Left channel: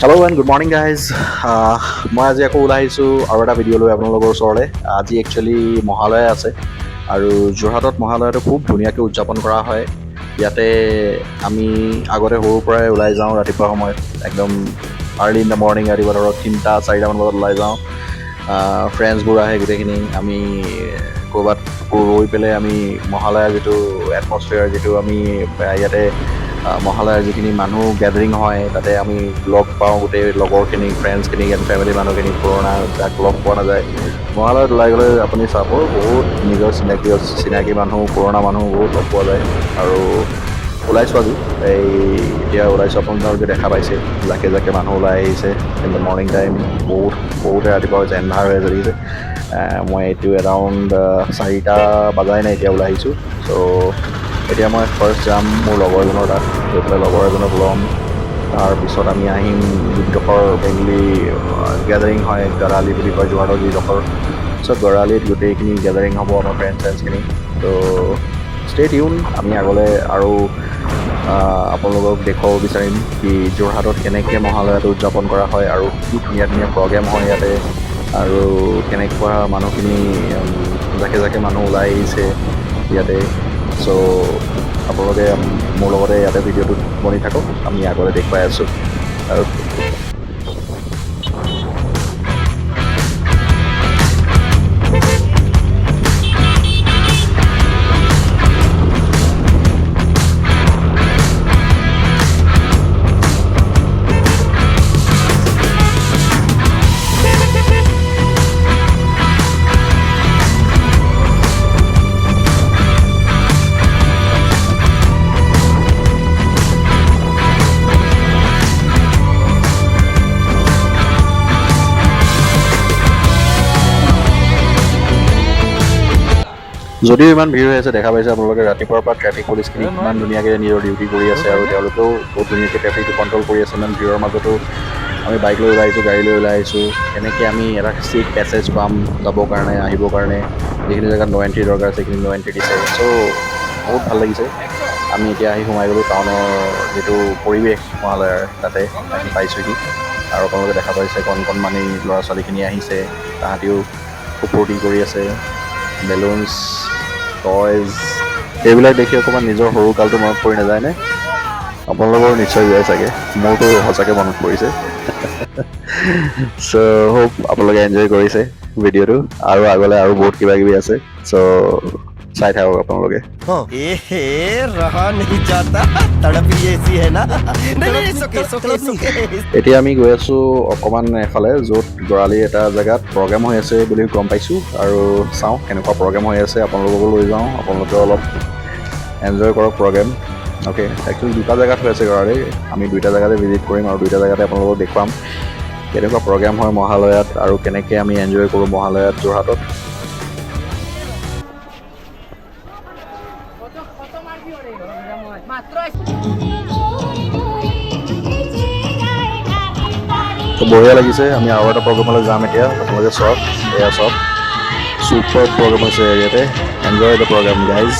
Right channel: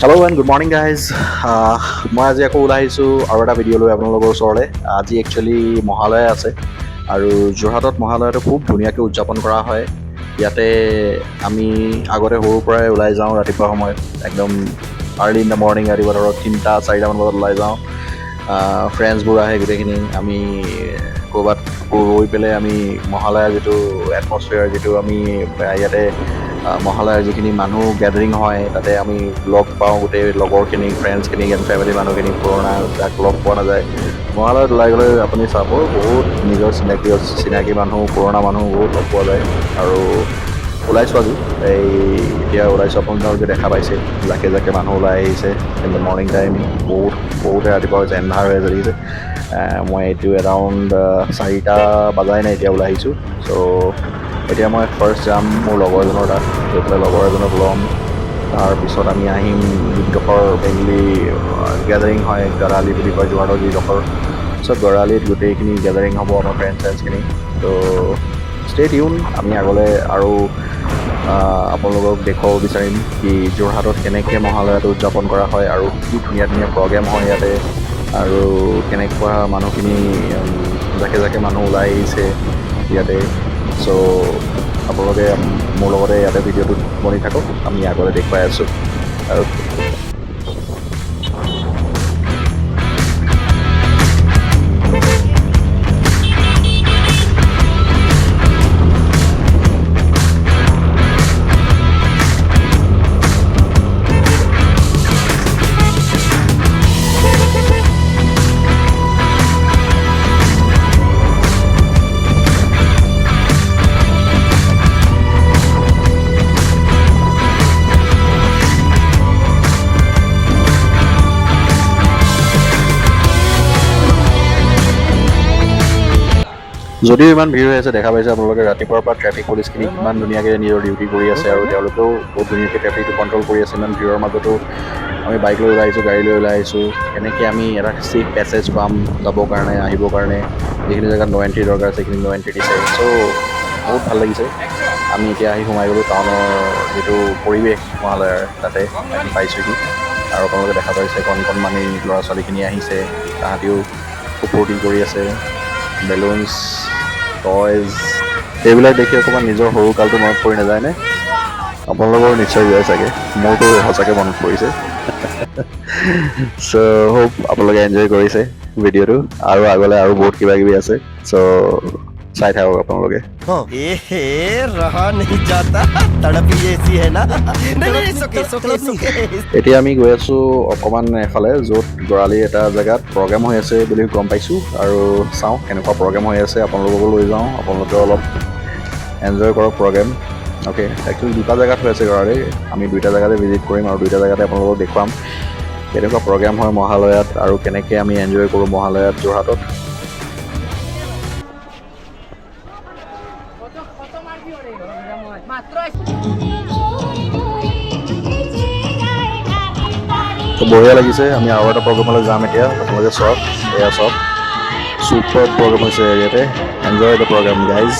Hello' and good morning guys মই আজি আকৌ ওলাই আহিছোঁ আৰু এটা ভিডিঅ' লৈ আপোনালোকৰ ওচৰলৈ। আজি একচুৱেলি মহালয়া আছে আৰু যোৰহাটত মহালয়াটো খুব ধুনীয়াকৈ উদযাপন কৰা হয়। ইয়াতে আমি আগতে সৰুৰ পৰাই ওলাই যাওঁ ৰাতিপুৱা সময়ত একদম আৰ্লি ইন দ্য মৰ্ণিং, ৰাতিপুৱা ধৰক 3-4টামান বজাত ওলাই যাওঁ। ফ্ৰেণ্ডছবোৰ আহে গোটেইখিনি, আমি ক'ৰবাত ৰৈ পেলাই আমি মহালয়াৰ যিটো এটমছফিয়াৰ, যিটো আমি ইয়াতে মহালয়াৰ যিখিনি মানুহ গেডাৰিং হয় তাতে আমি লগ পাওঁ গোটেই লগৰখিনিক, ফ্ৰেণ্ডছখিনিক এণ্ড ফেমিলি মানুহখিনিক, পুৰণা যাক লগ পোৱা নাযায়। মহালয়াত ওলাই গ'লে আপুনি চাব বহুত নিজৰ চিনাকি মানুহ, পুৰণা মানুহ বহুত লগ পোৱা যায়। আৰু ওলাইছোঁ আজি এতিয়া ওলাইছোঁ, আপোনালোকে দেখা পাইছে জাকে জাকে মানুহ ওলাই আহিছে ইন দ্য মৰ্ণিং টাইম। বহুতে ৰাতিপুৱা হৈছে, এন্ধাৰ হৈ আছে দেখিছে। মই এইটো এৰাউণ্ড 4টা বাজাই নাই এতিয়া ওলাই আহিছোঁ। চ' এতিয়া মই ফাৰ্ষ্ট যাম মোৰ লগৰজনৰ তাত, গৈ পেলাই লগৰ এজনক ল'ম। তাৰপিছত আমি আহিম যিডোখৰ মেইনলি গেডাৰিং হয়, গড়আলি বুলি কয় যোৰহাটৰ যিডোখৰ। চ' গড়আলিত গোটেইখিনি গেডাৰিং হ'ব আমাৰ ফ্ৰেণ্ডছখিনি। ত' ষ্টে টিউন, আমি আগলৈ আৰু আপোনালোকক দেখুৱাব বিচাৰিম কি যোৰহাটত কেনেকৈ মহালয়াটো উদযাপন কৰা হয় আৰু কি ধুনীয়া ধুনীয়া প্ৰগ্ৰেম হয় ইয়াতে, আৰু কেনেকুৱা মানুহখিনি জাকে জাকে মানুহ ওলাই আহিছে ইয়াতে। চ' আপোনালোকে মোৰ লগতে ইয়াতে ভিডিঅ'টোত বনি থাকক, আমি আগলৈ দেখুৱাই আছোঁ। অ'কে। যদিও ইমান ভিৰ হৈ আছে, দেখা পাইছে আপোনালোকে ৰাতিপুৱাৰ পৰা ট্ৰেফিক পুলিচখিনি কিমান ধুনীয়াকৈ নিজৰ ডিউটি কৰি আছে আৰু তেওঁলোকেও বহুত ধুনীয়াকৈ ট্ৰেফিকটো কণ্ট্ৰল কৰি আছে। ইমান ভিৰৰ মাজতো আমি বাইক লৈ ওলাই আহিছোঁ, গাড়ী লৈ ওলাই আহিছোঁ। কেনেকৈ আমি এটা ছেফ পেছেজ পাম যাবৰ কাৰণে, আহিবৰ কাৰণে। যিখিনি জেগাত ন' এণ্ট্ৰি দৰকাৰ আছে সেইখিনি ন' এণ্ট্ৰি দিছে। চ' বহুত ভাল লাগিছে। আমি এতিয়া আহি সোমাই গ'লোঁ টাউনৰ যিটো পৰিৱেশ মহালয়াৰ, তাতে আহি পাইছোঁহি। আৰু আপোনালোকে দেখা পাইছে কণমানি ল'ৰা ছোৱালীখিনি আহিছে, তাহাঁতিও খুব ফূৰ্তি কৰি আছে। বেলুনছ, টয়জ, এইবিলাক দেখি অকণমান নিজৰ সৰুকালটো মনত পৰি নাযায়নে? আপোনালোকৰ নিশ্চয় যায় চাগে, মোৰতো সঁচাকৈ মনত পৰিছে। চ' হোপ আপোনালোকে এনজয় কৰিছে ভিডিঅ'টো, আৰু আগলৈ আৰু বহুত কিবা কিবি আছে। চ' চাই থাকক আপোনালোকে। এতিয়া আমি গৈ আছোঁ অকণমান এফালে, য'ত গড়আলিৰ এটা জেগাত প্ৰগ্ৰেম হৈ আছে বুলি গম পাইছোঁ, আৰু চাওঁ কেনেকুৱা প্ৰগ্ৰেম হৈ আছে, আপোনালোককো লৈ যাওঁ, আপোনালোকেও অলপ এনজয় কৰক প্ৰগ্ৰেম। অ'কে, একচুৱেলি 2টা জেগাত হৈ আছে গড়আলি, আমি 2টা জেগাতে ভিজিট কৰিম আৰু 2টা জেগাতে আপোনালোকক দেখুৱাম কেনেকুৱা প্ৰগ্ৰেম হয় মহালয়াত আৰু কেনেকৈ আমি এনজয় কৰোঁ মহালয়াত যোৰহাটত। তো বঢ়িয়া লাগিছে। আমি আৰু এটা প্ৰগ্ৰেমলৈ যাম এতিয়া, আপোনালোকে চাওক, এয়া চাওক, চুপাৰ প্ৰগ্ৰেম হৈছে ইয়াতে। Enjoy the programme guys.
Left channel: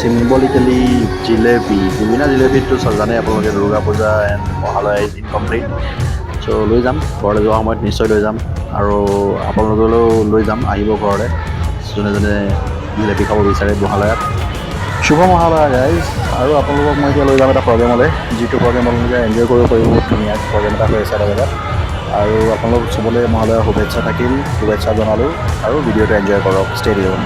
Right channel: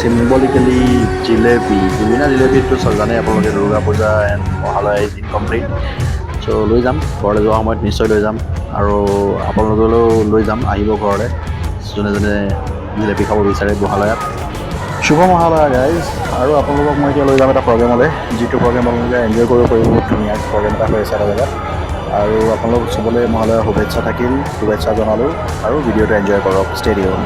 Symbolically jalebi জিলেপিটো জানে আপোনালোকে Durga Puja and Mahalaya is incomplete. So' লৈ যাম ঘৰলৈ যোৱা সময়ত নিশ্চয় লৈ যাম আৰু আপোনালোকলৈও লৈ যাম, আহিব ঘৰলৈ যোনে যোনে জিলেপি খাব বিচাৰে মহালয়াত। শুভ মহালয়া গাইজ। আৰু আপোনালোকক মই এতিয়া লৈ যাম এটা প্ৰগ্ৰেমলৈ, যিটো প্ৰগ্ৰেম আপোনালোকে এনজয় কৰিব পাৰিব। বহুত ধুনীয়া প্ৰগ্ৰেম এটা হৈ আছে এটা জেগাত। আৰু আপোনালোক চবলৈ মহালয়াৰ শুভেচ্ছা থাকিল, শুভেচ্ছা জনালোঁ আৰু ভিডিঅ'টো এনজয় কৰক। Stay tune.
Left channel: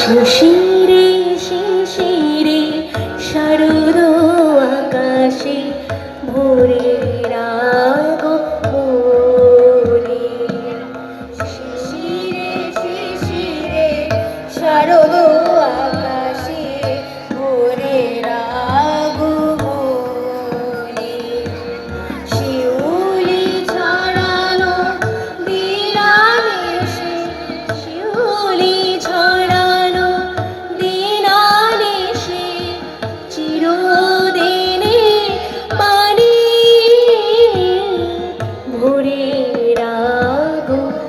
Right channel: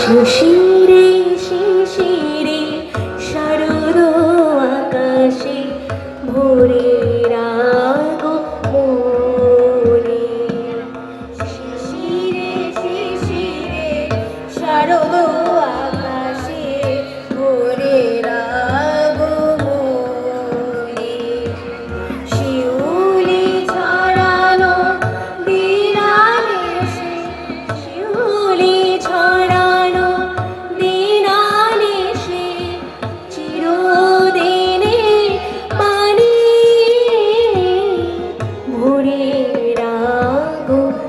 শিশিরে শিশিরে শারদ আকাশে ভোরের আগমনে। শিশিরে শিশিরে শারদ আকাশে ভোরের আগমনে। শিউলি ছড়ানো দিনানিশে, শিউলি ছড়ানো দিনানিশে, চিরদিনের বাণী ভোরের আগমনে।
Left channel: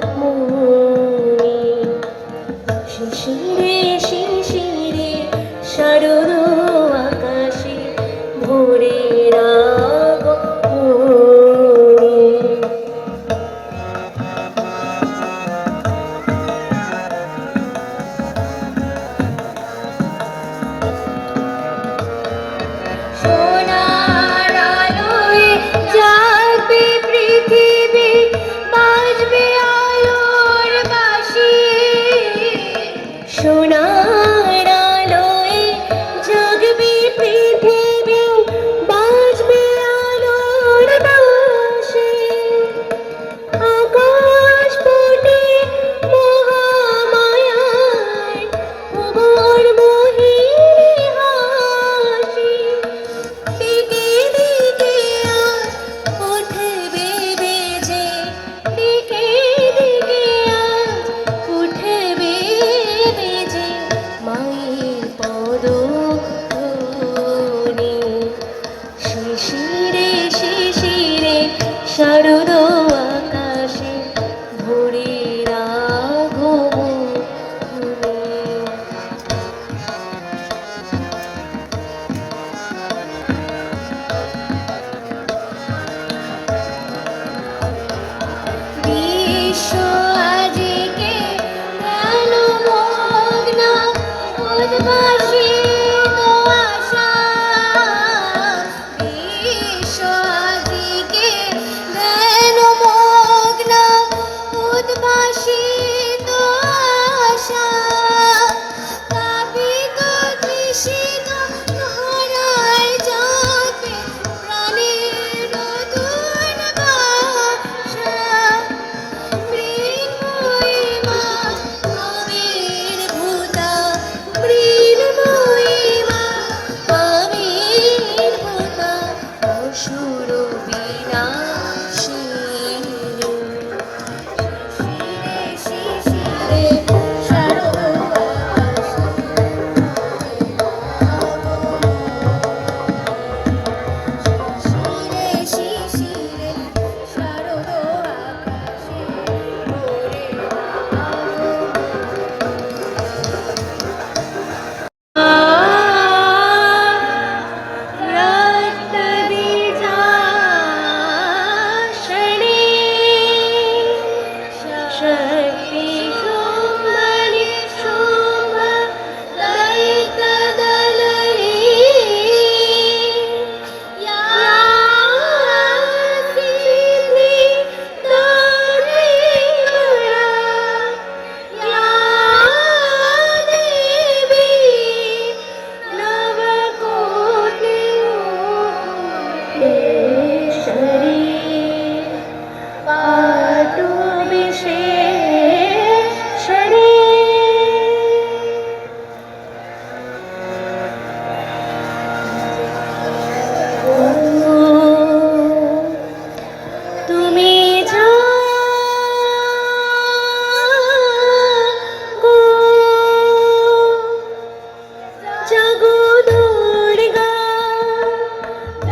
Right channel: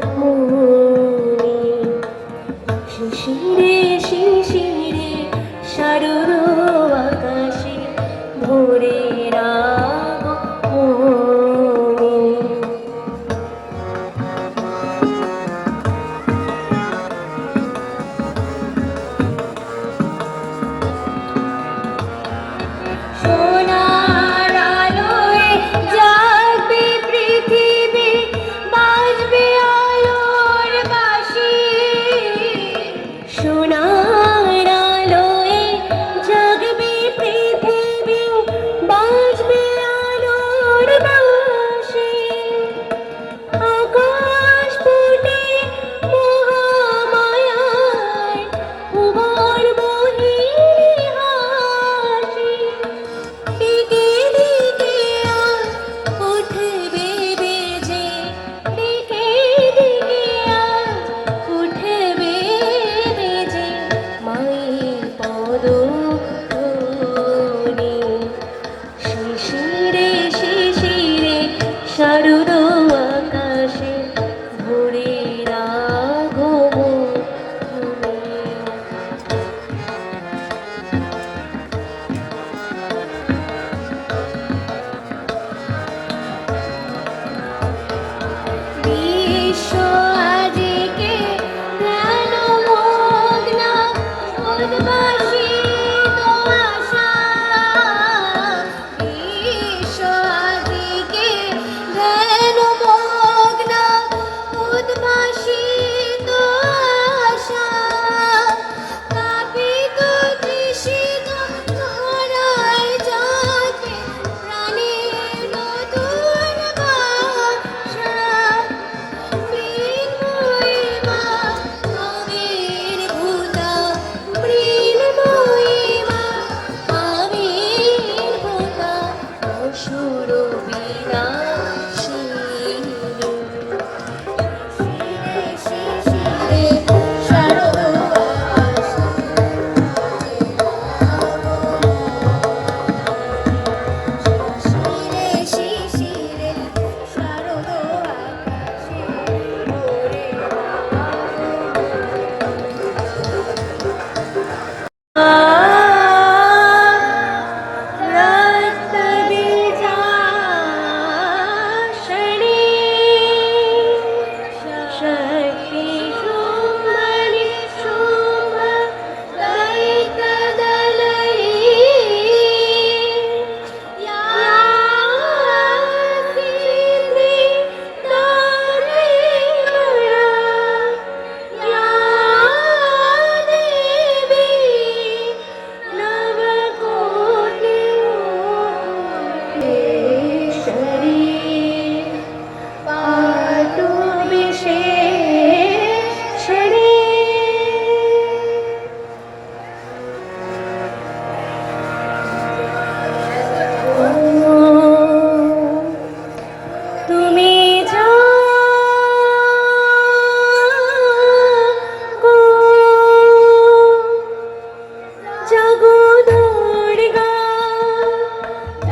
শিশিরে শিশিরে শারদ আকাশে ভোরের আগমনে। সোনার আলোয় জাগবে পৃথিবী, বাজবে আলোর বাঁশি। সোনার আলোয় জাগবে পৃথিবী, বাজবে पातु विशेषणे তুমি জাগো দুর্গা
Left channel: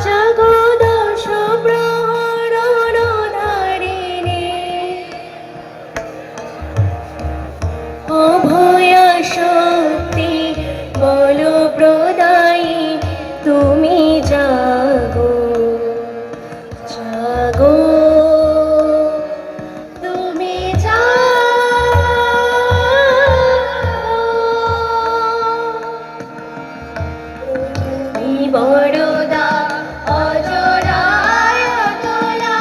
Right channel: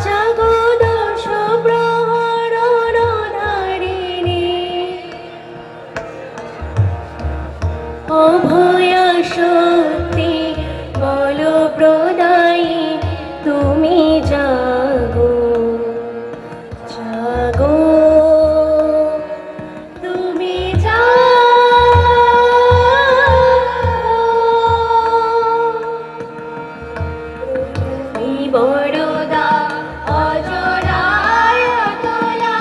জাগো দশ প্রহরণধারিণী অভয়া শক্তি বল প্রদায়ী তুমি জাগো জাগো তুমি বড়দা অজরায় অতলা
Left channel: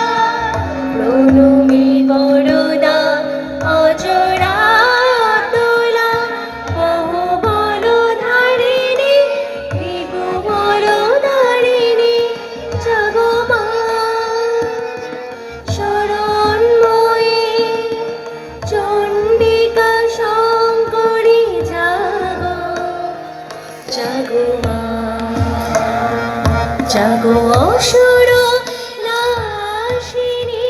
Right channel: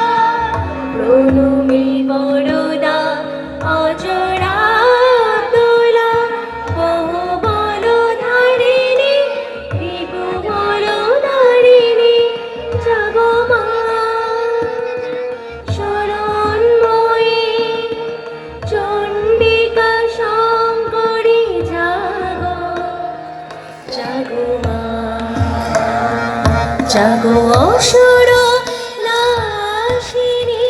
প্রণমী বড়দা অজরায় অতলা বহু বড় ধারিণী বিভু বড় ধারিণী জাগো মা শরণময়ী চণ্ডিকা শঙ্করী জাগো জাগো মা জাগো অসুর নাশিনী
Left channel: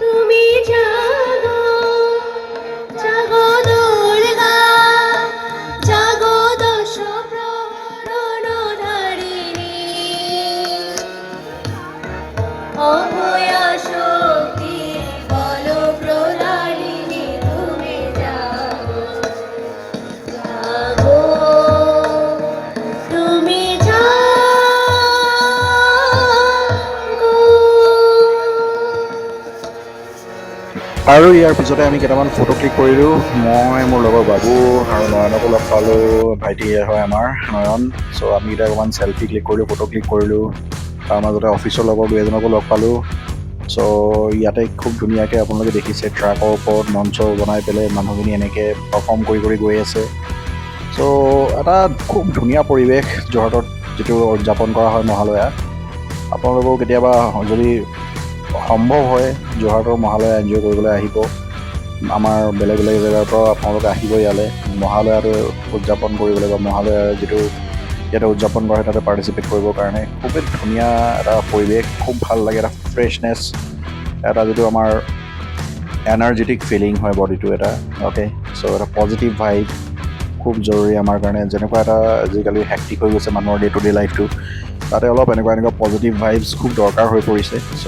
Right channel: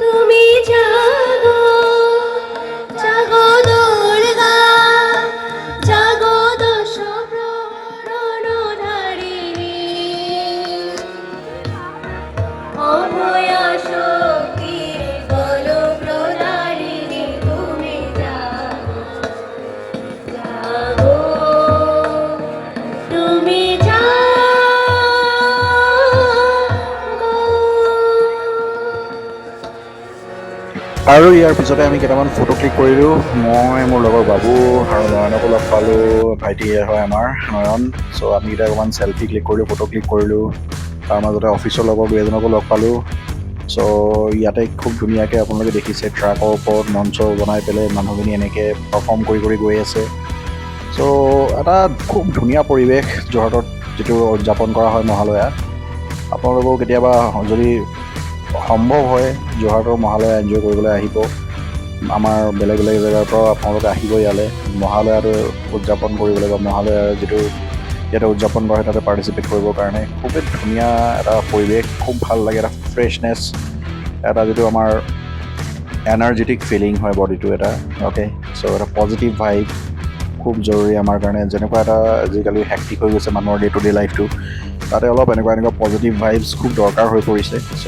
তুমি জাগো জাগো দুর্গা জাগো দশ প্রহরণধারিণী অভয়া শক্তি বল প্রদায়িনী তুমি জাগো জাগো তুমি আৰু ইয়াৰ পিছতে আমি কেইটামান ফটো ক্লিক কৰিলোঁ। মই মোৰ লগৰ বাবু আৰু নয়নকো লগ পালোঁ। ভাইটি হয় আমাৰ নয়ন। চ' আমি কেইটা অকণমান চেল্ফি ক্লিক কৰিলোঁ, ফটো ক্লিক কৰিলোঁ। তাৰ মাজতে অফিচৰ লগৰ দুই এজনকো লগ পালোঁ। চ' ইয়াতে খুব ধুনীয়াকৈ আপোনালোকে দেখিছে ট্ৰাকৰ ওপৰত মঞ্চ বনাই পেলাই মানুহখিনি এনেকৈ পাৰফৰ্ম কৰি কৰি গৈ আছে। চ' এটা খুব ধুনীয়া পৰিৱেশ যোৰহাটত যিটো উদযাপন কৰা হয় মহালয়া। আপোনালোকেও কেতিয়াবা যদি সম্ভৱ হয় যোৰহাটৰ মহালয়া এনজয় কৰিবলৈ আহিব। আমাৰ বেলেগ বেলেগ জেগাৰ পৰাও আপোনালোকে আহিব ইয়ালৈ মহালয়াটো উদযাপন কৰিবলৈ বা মহালয়াৰ যিটো ইয়াতে উদযাপন কৰা হয় তাতে পাৰ্টিচিপেট কৰিবৰ কাৰণে। খুবেই ধুনীয়া এটা পৰিৱেশ, খুব ভাল লাগে, এটা ফ্ৰেছনেছ, এটা যিটো আমাৰ এনাৰ্জেটিক ফিলিং হয় বডিটো এটা। অ'কে, চ' এটা পজিটিভ ভাইব খুব জৰুৰী আমাৰ কাৰণে। যেনেকুৱা এটা আজিকালি হেক্টিক হৈ গৈছে মানুহৰ ডে টু ডে লাইফটো, তাতে অলপ এনেকুৱা পজিটিভ ভাইবছ খুব দৰকাৰ হৈ পৰিছে। চ'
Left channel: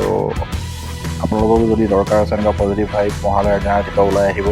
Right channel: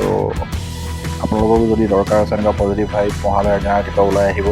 আপোনালোকৰো যদি দৰকাৰ আছে এনেকুৱা পজিটিভ ভাইব মহালয়াৰ দিনা ৰাতিপুৱা ওলাই আহিব।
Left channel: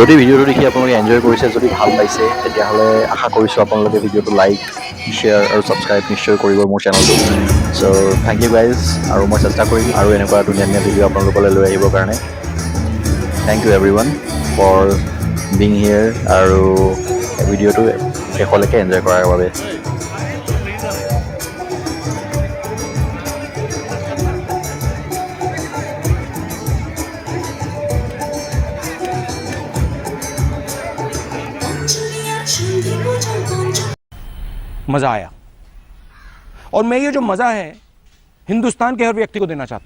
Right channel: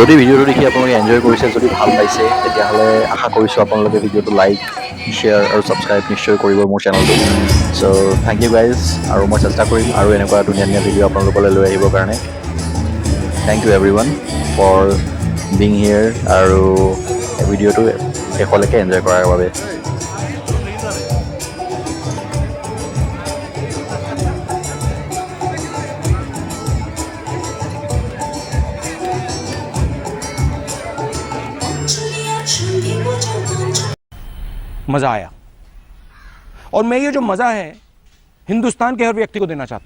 যদি ভিডিঅ'টো দেখি আপোনালোকে এনজয় কৰিছে, যদি ভাল পাইছে, তেতিয়াহ'লে আশা কৰিছোঁ আপোনালোকে ভিডিঅ'টো লাইক, শ্বেয়াৰ আৰু ছাবস্ক্ৰাইব নিশ্চয় কৰিব মোৰ চেনেলটো। চ' থেংক ইউ গাইজ। আৰু মই চেষ্টা কৰিম আৰু এনেকুৱা ধুনীয়া ধুনীয়া ভিডিঅ' আপোনালোকলৈ লৈ আহিবৰ কাৰণে। Thank you everyone for being here আৰু ভিডিঅ'টো শেষলৈকে এনজয় কৰাৰ বাবে। मज़ा आया और मैं ये जो मज़ा है हिंदुस्तान के हर व्यक्ति को देना चाहता हूँ।